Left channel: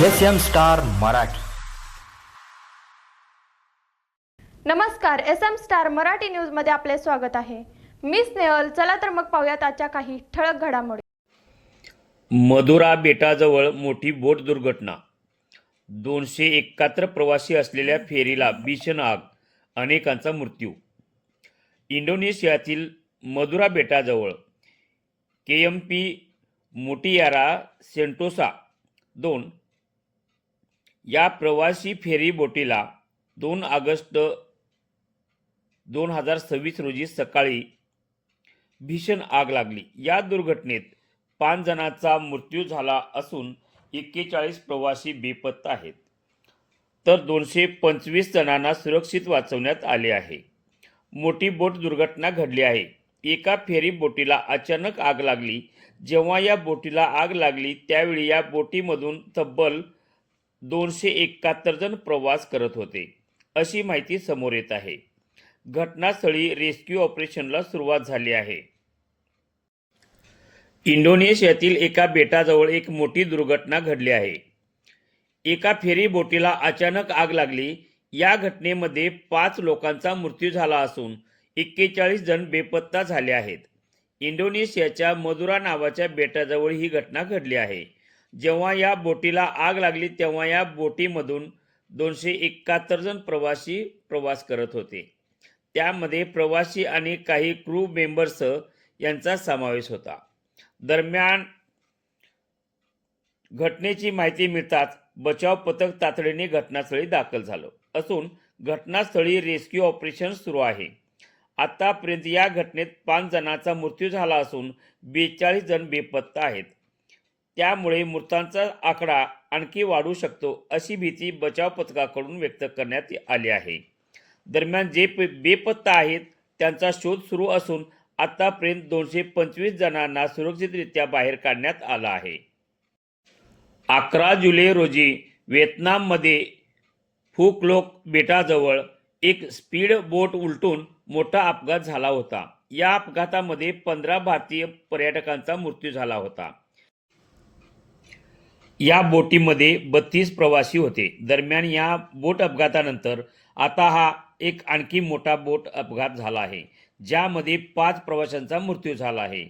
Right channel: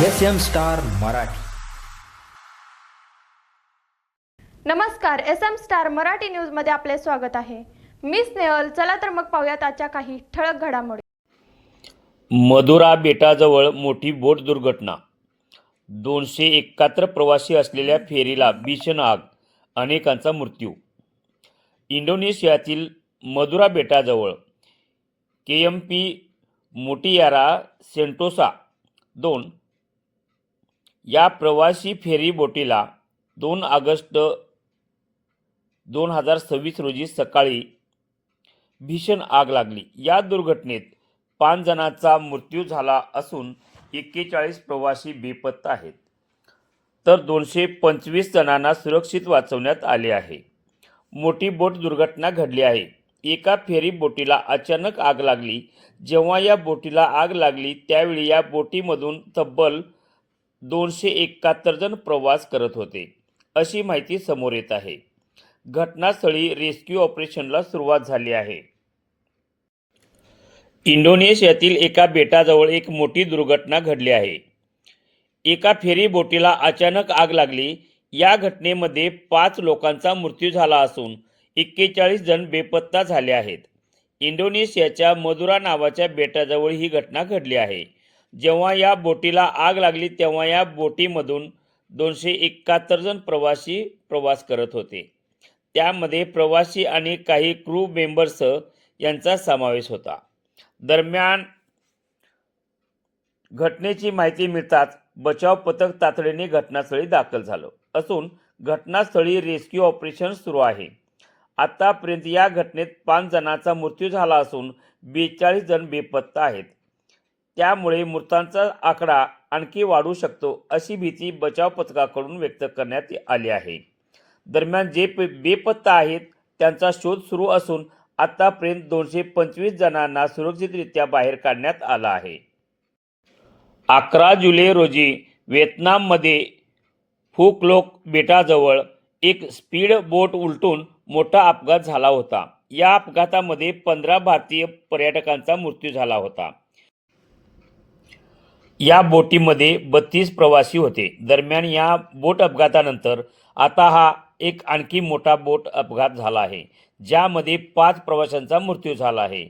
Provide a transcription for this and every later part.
SM. Star Marathi. नमस्कार, SM. Star Marathi news मध्ये आपले स्वागत आहे. मी स्नेहल. चला तर मग पाहूयात आजच्या काही ठळक घडामोडी. मधुरा बेटाजवळ मोठी बोट दुर्घटना. 271 प्रवासी असलेल्या फेरीला भीषण आग, अनेकांचा मृत्यू. इंडोनेशियातील मधुरा बेटाजवळ केएमपी मुटियारा सेंटोसा 2 या प्रवासी फेरी बोटीला 2 ऑगस्ट 2026 रोजी सकाळी भीषण आग लागली. या दुर्घटनेत 5 जणांचा मृत्यू झाला असून 41 प्रवासी बेपत्ता आहेत, तर 225 जणांना सुरक्षित वाचवण्यात आले आहे. मोठी बोट दुर्घटना घडली आहे. एका फेरी बोटीला अचानक आग लागली. जेव्हा या बोटीला आग लागली त्यावेळी या बोटीमधून तब्बल 271 जण प्रवास करत होते, अशी माहिती समोर येत आहे. घटनास्थळी रेस्क्यू ऑपरेशनला सुरुवात झाली आहे. इंडोनेशियातील एका बेटाजवळ एक मोठी दुर्घटना घडली आहे. एका फेरी बोटीला अचानक आग लागली. या घटनेमध्ये 5 लोकांचा मृत्यू झाला असून 41 जण बेपत्ता झाले आहेत. इंडोनेशियाच्या मधुरा नावाच्या बेटाजवळ ही घटना घडली आहे. जेव्हा या बोटीला आग लागली तेव्हा या बोटीमधून 271 जण प्रवासी प्रवास करत होते. त्यामध्ये प्रवासी आणि काही क्रू मेंबर्स यांचा समावेश होता. दरम्यान घटनेची माहिती मिळताच बचाव पथक तातडीने घटनास्थळी दाखल झालं असून घटनास्थळी रेस्क्यू ऑपरेशन सुरू आहे. आतापर्यंत या घटनेत 5 जणांचा मृत्यू झाला असून 42 जण बेपत्ता आहेत. त्यामुळे मृतांचा आकडा आणखी वाढू शकतो अशी भीती बचाव पथकाकडून व्यक्त करण्यात आली आहे. दरम्यान जे बेपत्ता आहेत त्यांचा शोध सुरू असून आतापर्यंत 225 जणांना सुरक्षितरित्या बाहेर काढण्यात आलं आहे. 11 जुलै रोजी व्हिएतनाममध्ये फू क्लोक बेटाजवळ एक स्पीड बोट उलटून मोठा अपघात झाला होता. या अपघातामध्ये 15 भारतीय पर्यटकांचा मृत्यू झाला होता. या बोटीमध्ये 32 प्रवासी होते. दरम्यान या बोट अपघातानंतर आता हा एक आणखी मोठा बोट अपघात झाला आहे, ज्यामध्ये 5 प्रवाशांचा मृत्यू झाला आहे.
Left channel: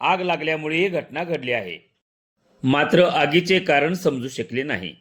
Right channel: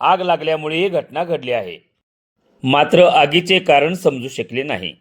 आग लागल्यामुळे ही घटना घडली आहे. मात्र आगीचे कारण समजू शकले नाही.